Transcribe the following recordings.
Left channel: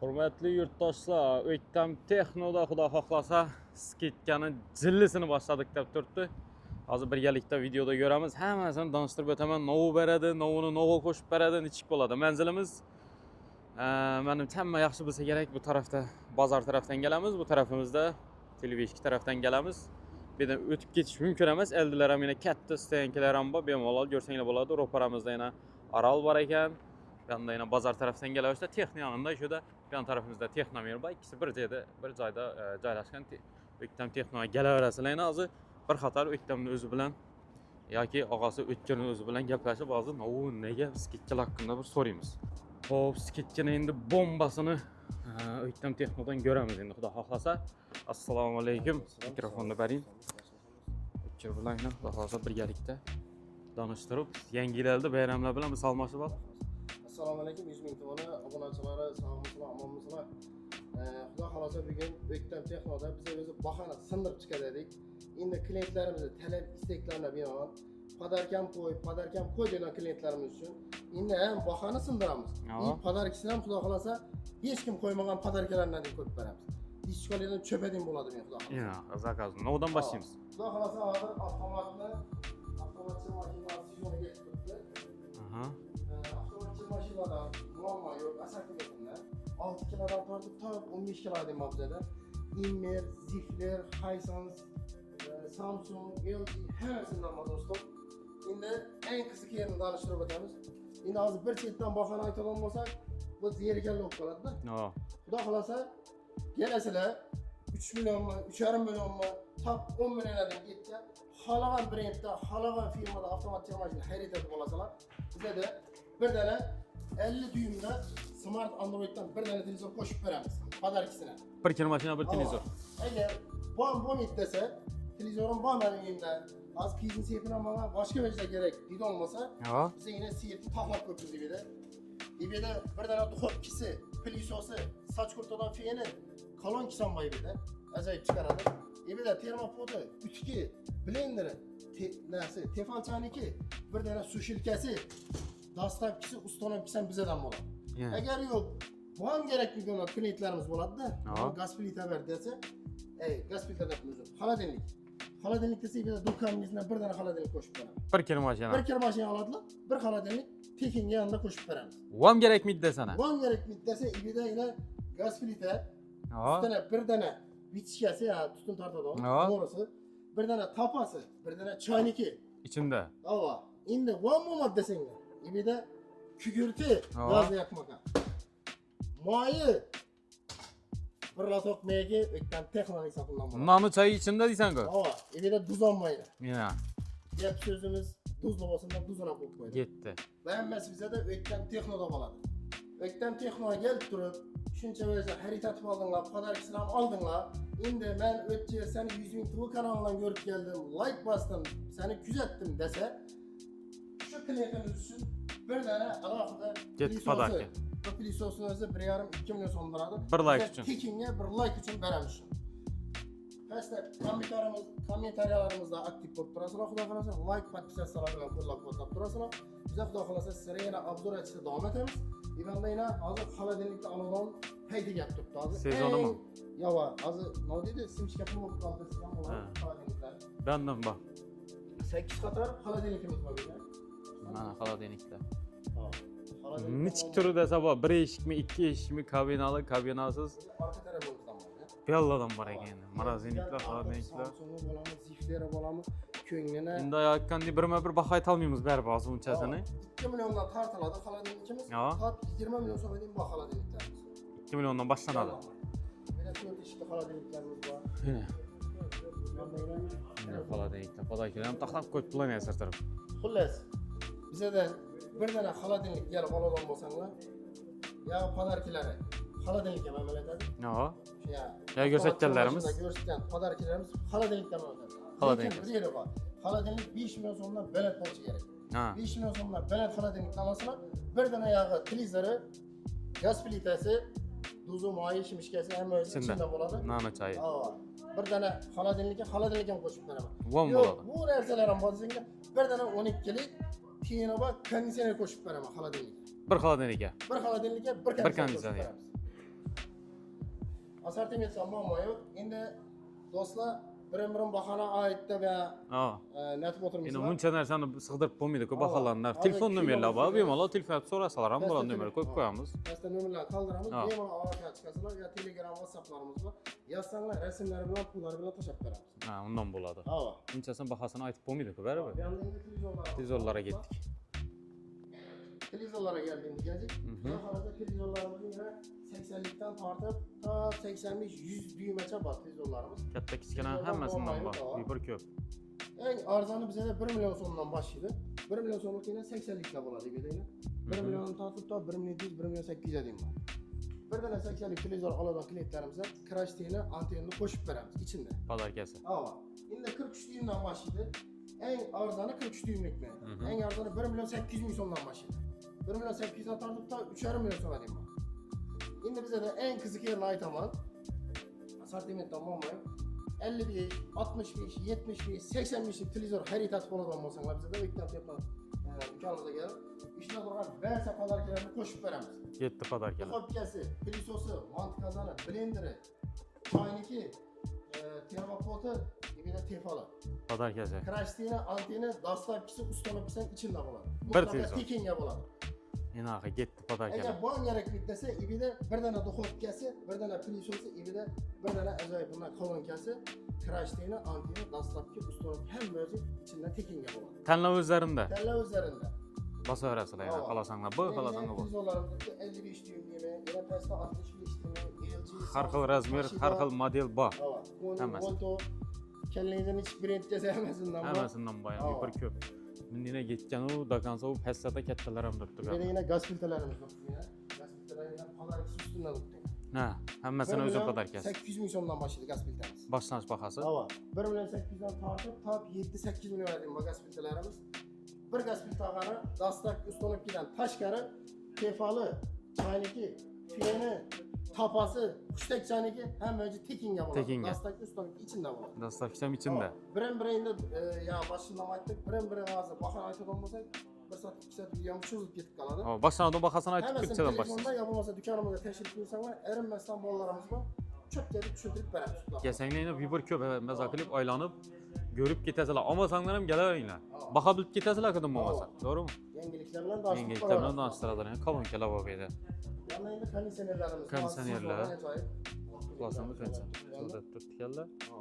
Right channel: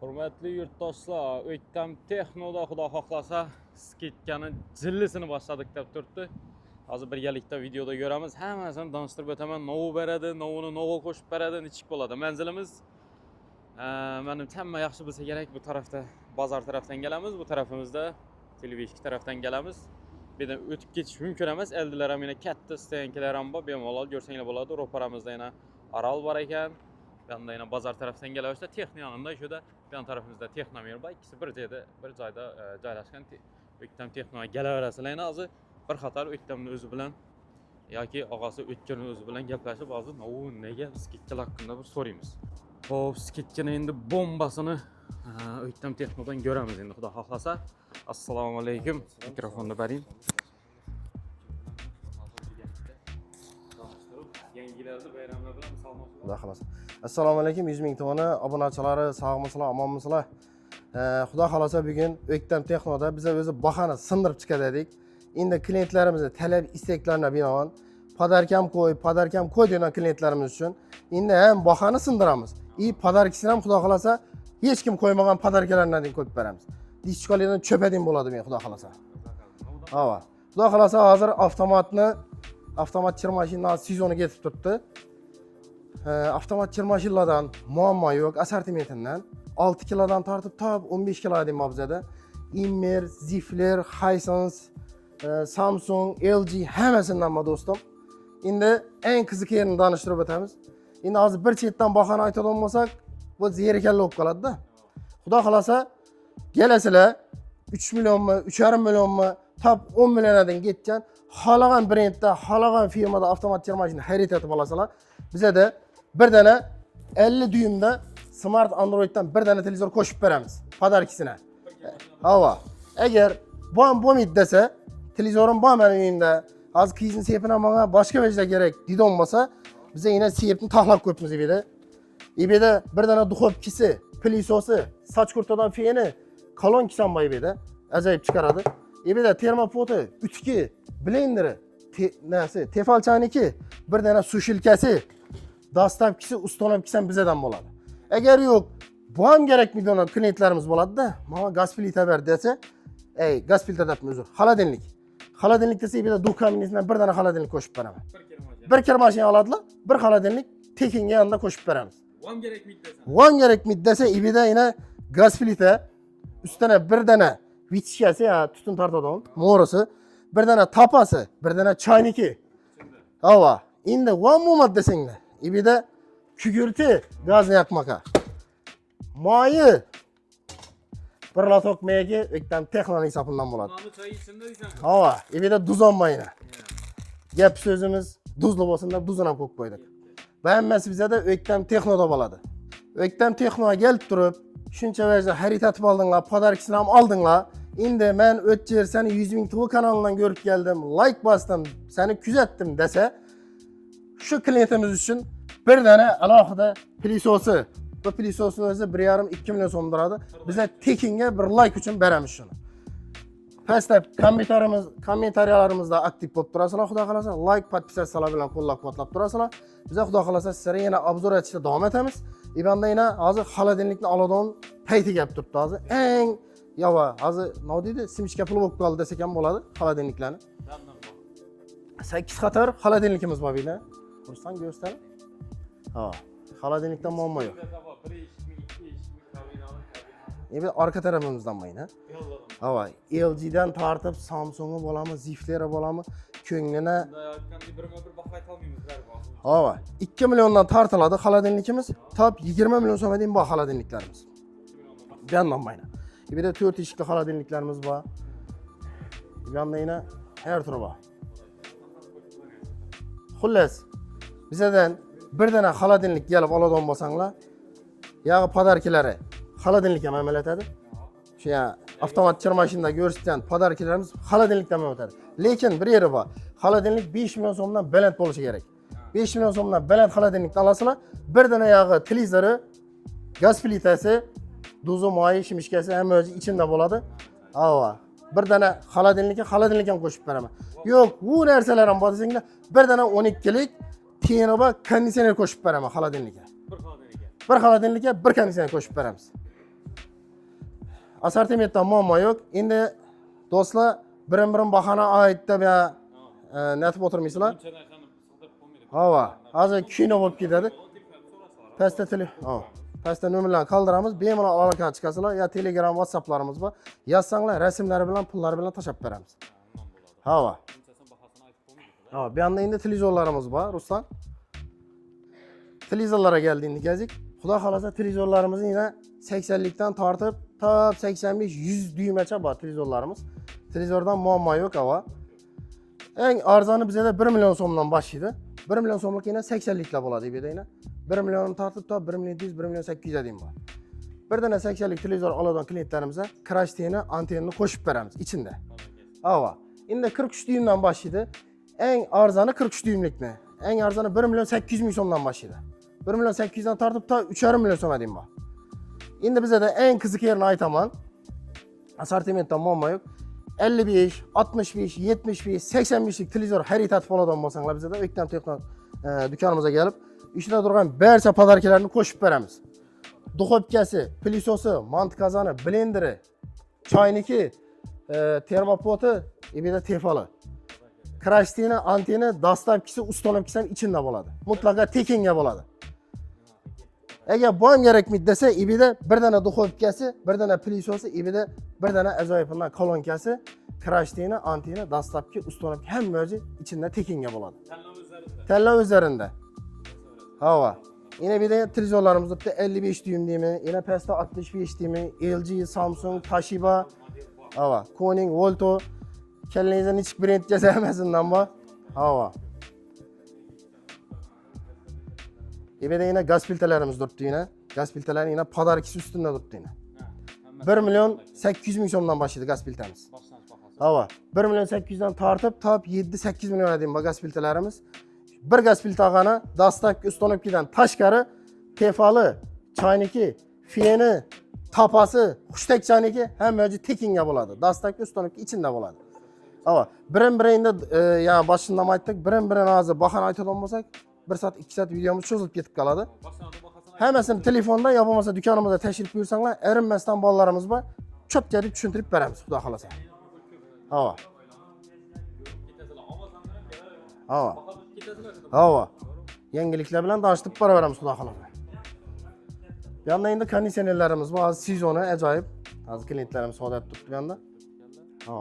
Hurmatli yurtdoshlar, O'ktam Texnoda xudo xohlasa skidkani jillisini boshladik deb turibdi. Hozir birgalikda videoda ko'ramiz. Hammasini tanishtirib o'taman. Novu beradi, novuni novu qo'shib beradi, nechik bo'ladi. Manzilimiz menimcha hamma yaxshi bilsa kerak, bu tarafda bozor tarafdan kelamiz, bu tarafimizda televizor tarafdan kelamiz. Bir de o'tib ketish mumkin emas. Eldilar ham yana katta stenkalar ham bor. Bemalol ko'rsanglar bo'ladi. Ro'paramizda yana Aral bor ekan. Yanda yine bazar tarafdan geliyorsa Texno yanında şurada yan tarafımızda Texnomir var. İkisi bir joyda joylashgan. O'ktam Texnoga kelaverasizlar. Hozir bir qator O'ktamning o'zi bilan yoki og'asi o'tganning o'zi bilan gaplashib hozir nega skidkalar haqida bir so'raymiz. Xo'p, skidkani endi bombasini O'ktam Texnodan ko'ramiz endi xudo xohlasa. Assalomu alaykum. Mikrofonni bering. O'tkir bilan xudo xohlasa birgalikda tanıştırıp yangilarni bayramlar bilan salmoqchi bo'ldi. Assalomu alaykum, 100 ming tona obunachilari, sog'misizlar, omonmisizlar? Xudo xolasa bugun O'ktam Texnoda biz o'zi bahani sindirib chiqadik. Endi klientlarimizni talab istaklarına binoan podarkam qo'y degan klientlarimiz uchun endi ham bahani sindiramiz. Podarkisini ham xudo xolasa hech kim qo'ymagan podarkalardan ko'p beramiz. Diskolardan cho'padin bo'ladi men xudo xolasa. Zakaz. Nodan boshlaymiz. Xudo xolasa hozir avtomat chirmashinalar sezoni ketib turibdi. Avtomat chirmashinalardan muammo yo'q, assortimentidan 6 kilodan tortib top 15 kiloga deyman bizada. Immer, Zifler, Hisense, Samsung, LG hammasidan bor do'stim. Endi eng qiziq yerini tanishtirib o'tamiz. Endi hozir bir chetdan bahoni aytadigan bo'lsak, bu zerikarli bo'lib qoladi-da. Xudo xolasa kelasizlar 3 millionmi, 3,5 millionmi, top 10 milliondan ketgan xohlagan brendda, xohlagan firmada avtomat chirmashina xarid etib olasizlar. Bizada bir dana 50 düymda Smart Android'dan bir dana televizor qo'shib beramiz. Podarkisine. Bir chirmashina bir televizor. Agar bo'lmaydi desa, televizorim bor mening uyimda. Hozir qiyin sepini menga boshqa vajda kerak deydi olmasa, biz yine sepni taxlab ko'pmiz evde. Evde bir dana duxovkisi, pilisosi, soch kurtadan feni, kolonkisi ham bor evde. Ajoyib chiqaradi. Evde termopoti, ütki, blenderi, tefal chaniki, bir dana sushilkasi, dastavkisi, ustolamkisi ham bizdan bo'ladi. Agar yo'q, bu ham kerakmi degan klientlarimiz bo'ladi-da. Mana gaz plita ber desa, gaz plita debmiz o'zi. Xolodilnik. Xolodilnik desa, evde duh kabinetidan bir dana xolodilnik qo'shib beraman. Bir kir mashina oladilar, bir xolodilnik tekinga yanında qo'shib beramiz. Bu ham kerakmi desana? Bu ham kerakmi desa, evde yine gaz plita, üstüne bir dana vitishkasi, tutun tortadigan, mo'risi, bir dana tapasi, bir dana chayniki içinde. Hava. Endi one moment desanglar. Evde kugurti gazni yakmaka. Moyi bir lotok megi O'ktam Texnoning hisobidan bo'ladi. Nonni choy içinde deysan-ku. Hava. Evde duz olmayna. Mina. Gap so'zimiz duzli bo'lsin deb duzini ham qo'yib qo'ydik. Ketdi. Hammasi bizada O'ktam Texnoda bo'ladi. O'ktam Texnoga kelib turib, shuncha vajda xarid etib oldinglar, podarkisini ham oldinglar. Endi men o'tjer seni 100 ming TV kanalidan ko'rib keldim, like bosdim, seni kuzatdim desa, shu klientimiz uchun bir dana alohida pilisosi. Bu pilisosni o'zi 1,5-2 million so'm turadi. Biz tekinga bir like uchun beramiz shuni. Pastda kommentariyalarimizda aktiv bo'lib turasizlar, xudo xolasa like, podpisatsiyalar bilan qo'llab-quvvatlab turasizlar. Biz xudo xolasa sizlarga yana obzor etishda davom etamiz. Ibanda yana hozir xolodilnikni oladigan payti kelib turibdi hozir. Eng yova, hozir nima deydi? Simishka pul bo'lib qoldi desak ham bo'ladi xolodilniklarni. Benden bor. 8 qator xolodilnikimiz bor buyda. Ko'rsan, ko'rsan. Ha. Xolodilnikdan muammo. Turi desa bor, 1 eshikmi, 2 eshikmi, kabinalı, kabinasiz. Endi orqa tarafimizdan mayna. Belladan bor. Ha, LG'dan tortib Samsung'i bo'lami, Zifler'i bo'lami, ko'nglini. Bunday aytganda birma-bir baho ayta olmaymiz baribir hozir uncha. Ha, 2 milliondan tortiladi xolodilnikimiz. Top 20 million so'mga deyim bor xolodilniklarimiz. 2 milliondan boshlanadi. Yandan mayna. Bir de 4 eshikli xolodilniklarimiz bor. Yanda yine her turi bor. Podakilarni taxlab qo'yib tulayman sirtirib. Xullas, bizdan bir dana xolodilnik kelib oladigan bo'lsanglar, yog'i podarkilari xolodilnik ham amaliyotadi. Shu ya avtomat chirmashinada ko'rsatgan podarkilarimiz xolodilnikdan ham o'tadi. Lekin bir yeri bor. Xolodilnik 5 million so'mdan baland bo'lishi kerak. 5 million so'mdan baland xolodilnikni olasizlar, bir dana yog'i televizori, gaz plitasi, duzu moyi shimishkasi ham o'z ichimda bo'ladi. Hava. Bir dana xolodilnik ham qo'shib beraman. Yo'q, bu narsalar ham bor desanglar, bir dana 12 lik keyinroq konditsioner qo'shib beraman xolodilnikka. Bir xolodilnikka. Bir konditsioner qo'shib beramiz. Assortimentda muammo yo'q. Endi do'stlar, birin-birin bahona aytdi va Ha. netib o'tirmaysizlar. Buncha narsani sig'dirib bo'lmaydi ko'p Hava. baholarni. Hozir kino bo'lib ketadi. Bemalol telefon so'rasalar ham Pastda bo'ladi, telefon ko'p qo'yamiz. pastda nomerlarni qoldiramiz. Ha. Bemalol aloqaga chiqasizlar. Ya Telegram, WhatsApplarimiz bor. Yozsanglar, rasmlari bilan, pullari bilan tashab beramiz. Ha, undan bo'ladi. Hava. Bunchasini bahosini aytib bo'lmaydi-ku, Ha, baribir. bu yoqda endi televizorlarimiz bor, Televizorlarga Ruslan. Televizorlarga keldi endi gazik. Xudo xolasa televizorlarimizni yana 80likdan tortib, top 85-100 dyuymgacha bor televizorlarimiz. Televizordan muammo yo'q, hava. Bir ko'p. Eng arzoni bizda 1 million so'mdan boshlaydi. 1 million so'mlik yana 80liklar bo'ladi bu yerda yana. 1 million tortib top 1 million 700, 1 million 800 ga deyim bor. Bir dana 80lik televizor oladigan klientlarimizga krashteni, antennani qo'shib beramiz ichida. Podarkasi. Hava. Endi 43 dyumdan boshlaydi. Eng arzoni 43 dyumlikni. Eng arzoni 1 million 800 ming so'mdan boshlaydi. 1 million 800 dan tortib to 3,5 million so'm deyim bor. Endi bizda eng qiziq yerini aytaman. Assortimentda muammo yo'q. 55, 65, 75, 85lik televizor xaritatib oladigan bo'lsanglar bizda o'ktam texno do'konimizga kelib, ishida turgan barcha podarkalarni qo'shib beramiz. Yetti podarka. Duxovkasi, pilisosi, mant kazani, blenderi, choyniki, termopoti, ibida tefali. Podarkasi. Krashteni, anteni, dastlabkisi, ustolavkisi ham ichida bo'ladi. Mutlaqo tekinga bo'ladi. Enaqa yetti podarka. Agar bu ham kerakmi desa, ibida bir dana duxovkasi, bir dana pilisosi, ibida bir dana ajoyibundan kolonkasi, krashteni, anteni, dastlabki, ustolavki hamma ichida tekinga bo'ladi. Tanlov o'zlarida. Tanlov o'zlarida. Bosaverasizlar. Hava. Xolasanglar. Yine bir de televizorlarımızda 55 düğüm değil mi? Yine pasta 65 değil mi? LG, Samsung, Toshiba. Model bor. Hava. Koning, Volto. Kellerinizden hiç brend gezemesinden var. Hava. Yine ketgan u dokonsa u pastda kattalar ham turibdi. Bir de yine gaz filtrelerimiz durdu yine. Gaz filtreleri yine podarkisi üstünde durdu yine. Ha, hammasi 1 milyon 800 ming so'mdan başladı gaz filtremiz. boshlanish bahasi. Hava. 1 milyon 800'den tartıp top 7-8 milyon edeyim bu gaz filtrelerimiz. Bir gaz filtragana dastlabki ustonovkadan tashqari tefalı, chayniki, fiyeni, tapası, xushtak chayniki hamma tekinga bo'ladi. Tekinga. Dastlabki ustonovka ichida bo'ladi. Dastlabki ham Hava. ichida. Birin-birinde ya başından aytdik, birin-birini hozir bahana aytadigan bo'lsak, 1 soat 2 soat videomuz cho'zilib ketib qoladi. Boshlanish bahasini aytib. Hammasini telefonda ya bo'lmasa do'konimizga tashrif buyursanglar, erinmasdan bolalarimiz bor. Cho'tkaga tushuntirib beramiz, xudo xolasa. Kesanglar bir ko'p maza qilib aylanib görüp ketasizlar. Olmasanglar ham kelaveringlar. Hava. Baha bilib ketasizlar kadam. Hava. To'g'rimi? Yangiliklar bilan tanishtirib boraveramiz, xudo xolasa. Kolonkalar bor bu yerda. Bu yanda endi konditsionerlarimiz bor, Konditsionerlar. sezoni ajoyib. Hozir klientlarimiz odat tutdi bu yanda. Tutganlar. Ha.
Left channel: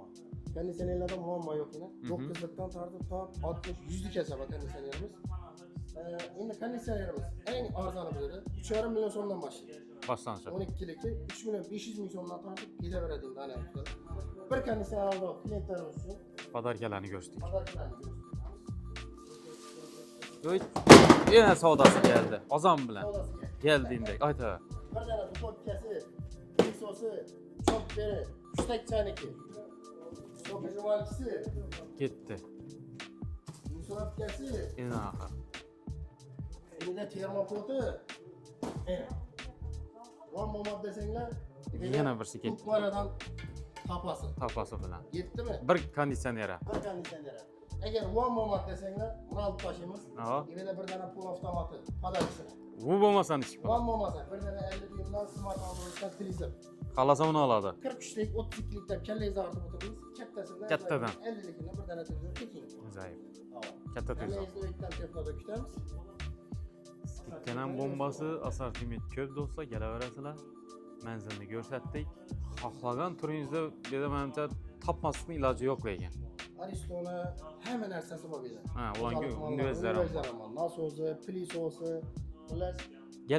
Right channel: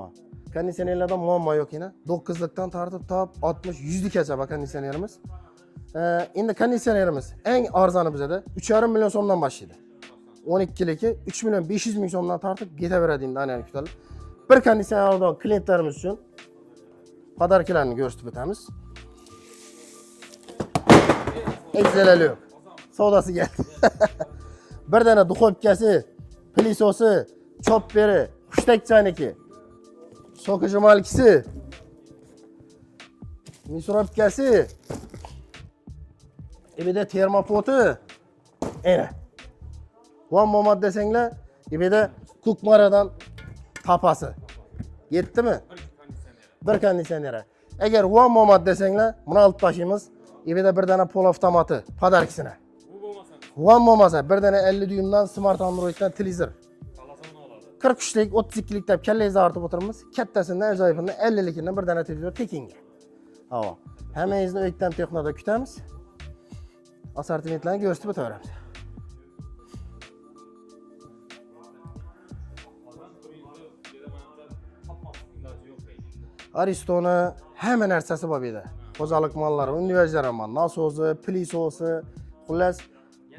Konditsionerlarda muammo yo'q yana. 9likdan tortib top 60-100 likgacha bor konditsionerimiz. Endi konditsionerimiz eng arzoni bizda 3,5 million so'mdan boshlaydi. Boshlanish. 12ligi 3 million 500 ming so'mdan tortib ketaveradi endi analoglar. Bir konditsioner olgan klientlarimiz uchun Podarkalarni ko'rsatdik. podarkalarni ko'rsatib o'tamiz. Yana savdo. Egzalali. Ozon bilan. Savdosi keldi. Keldi. Ayta. Bir dana duxovkasi, pilisosi, chopperi, xushtak chayniki, so'qijimalkisi, Ketdi. misurobkasi, Yana. ibida termopoti. Ana. Von momad desanglar, ibida Yana birsi ketdi. kukmaradan tapasi. Tapasi bilan. Yetdimi? Bir konditsioner. Bir konditsioneri. Agar von momad desanglar, buni olib tashlaymiz. Ha. Ibida bir dana pol avtomati, podarkisini. Bu bo'lmasani ish. Von momasa bir dana 50 dyumdan smart Androiddan televizor. Qalasa uni oladi. 43lik, 32lik deb kallangizni artib o'tiramiz. Kattasidan ajoyibini 50likni bir dana televizor tekinga. Zaif. Havo. Katta. Hammangizni o'ktam texnoda kutamiz. Assortimentlarni ko'rsatib o'tamiz. Assortiment ko'p do'stlar, kelaverasizlar. Manzilni ko'rsatdik. Xohlagan turingizda dedi menimcha topmaslikning iloji yo'q lekin. Aristoni hamma narsasi bor bu yerda. Ha, Qo'zalik va- mollari, va- universitetlar bor, nasosi, pilisosi, xullas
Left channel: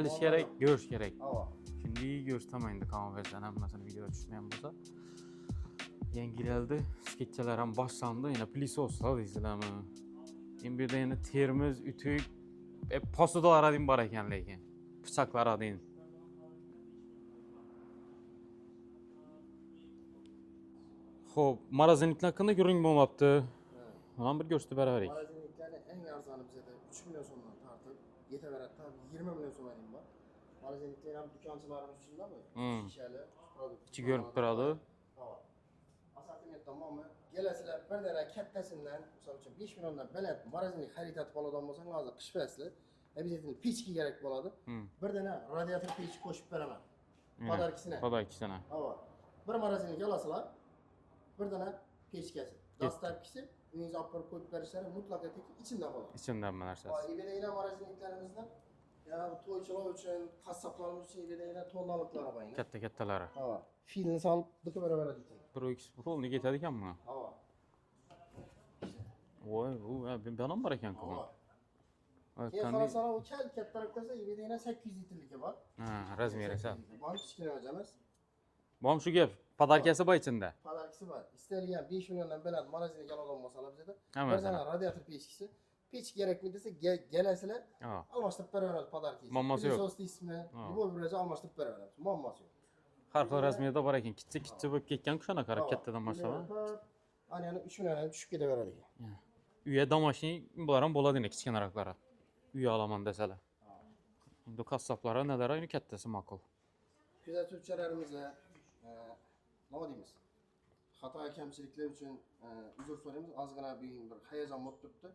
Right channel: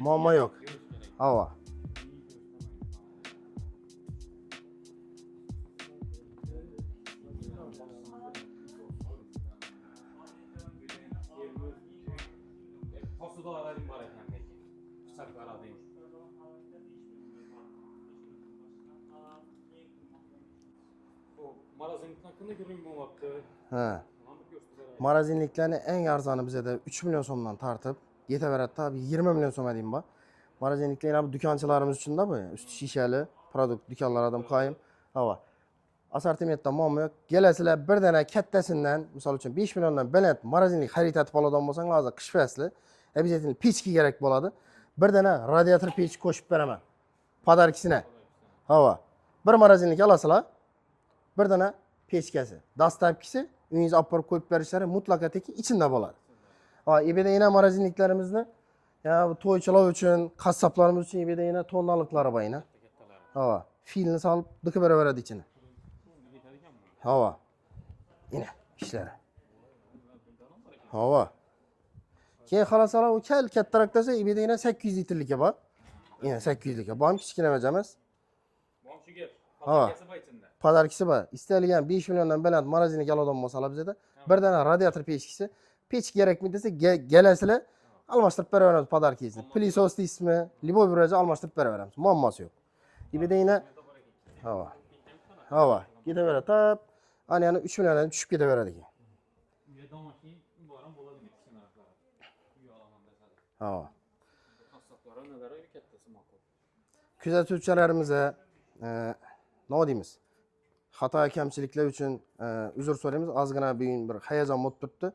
muammo yo'q. Ko'rish kerak. Havo. Shunday ko'rsataman endi konversiyadan hammasini video tushgan bo'lsa. Yangilandi. Sketchalar ham boshlandi. Yana plisoslar deysizlarmi? Endi bu yerda endi termiz, utuk, posudalar ham bor ekan lekin. Pichoqlar ham. Xo'p, marazinliklar qanday ko'ring bo'lmabdi? Ha. Mana bir ko'rsatib beravering. Marazinliklarni eng arzoni bizda 3 million so'mdan tortib, yetaveradi tabi 20 million so'm deyim bor. Marazinliklar ham do'konchilarimiz uchun-da bu. Usti shishali produkt do'konlardan qo'yib. Havo. Assortimentda muammo yo'q. Kelasizlar bir dana kattasidan, misol uchun 5 milliondan baland marazinlik xaritatib oladigan bo'lsanglar, hozir qish fasli обязательно pechki kerak bo'ladi. Bir dana radiator pech qo'shib beraman. Podarkisini. Podarkisini. Havo. Bir morozinlik olasizlar. Bir dana pechkasi, dastlabkisi uyingizga olib borib qo'yib berishlari mutlaqo teki ichida bo'ladi. İçinden mi narsa? Ha, ebeda yana morozinliklarimizni ya bu to'ychilar uchun, qassoblarimiz uchun ebeda yana tonnalıkları bor yana. Katta-kattalari. Ha, filni solib dikib beraveradi ichini. 1-2 rolni ketadi ekanmi? Ha. Yana ishlari. Voy, u benon bor ekan. Ha. Keyin xalosalar u kattaroq desa ebeda yana 800 litrlikka bor. Ha, Yana 800 likka. Bu ham kichkina emas. Bom shu gap. Padakasi bor ichida. Podarkisi bor. Istalgan 5 milliondan baland morozinlik oladigan bo'lsalar bizda bir dana radiator pechkisi, pech kerakmi desa, gelasizlar, almashtirib beraveramiz podarkingizni. Pilisos deysizmi, liboy bir joyga almashtirib beraveramiz. Muammosi yo'q. Rasmiyada bor ekan, kichik bo'lib ketgan kushana qarab kattadan boshqa. Ketaveradi. Ana yana 3 milliondan tushib ketaveradi ekan. Uyga domashning bular ham bo'ladi, kichkinaraklari. Uy olaman desalar. Ha. Bu qassoblar nadar ayni kattasi ma'qul. Kuzatuvchilarimizga nima deymiz? Xato kamchiliklar uchun uzr so'raymiz. Ozgina bugun bir hayajon bo'lib turibdi.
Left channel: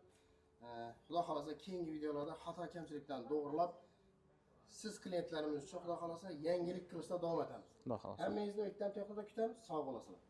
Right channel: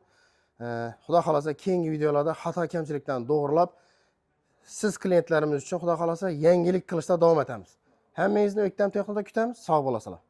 Xudo xolasa keyingi videolarda xato kamchiliklarni to'g'rilab, siz klientlarimiz uchun xudo xolasa yangilik qilishda davom etamiz. Hammangizni O'ktam Texnoda kutamiz. Sog' bo'lasizlar.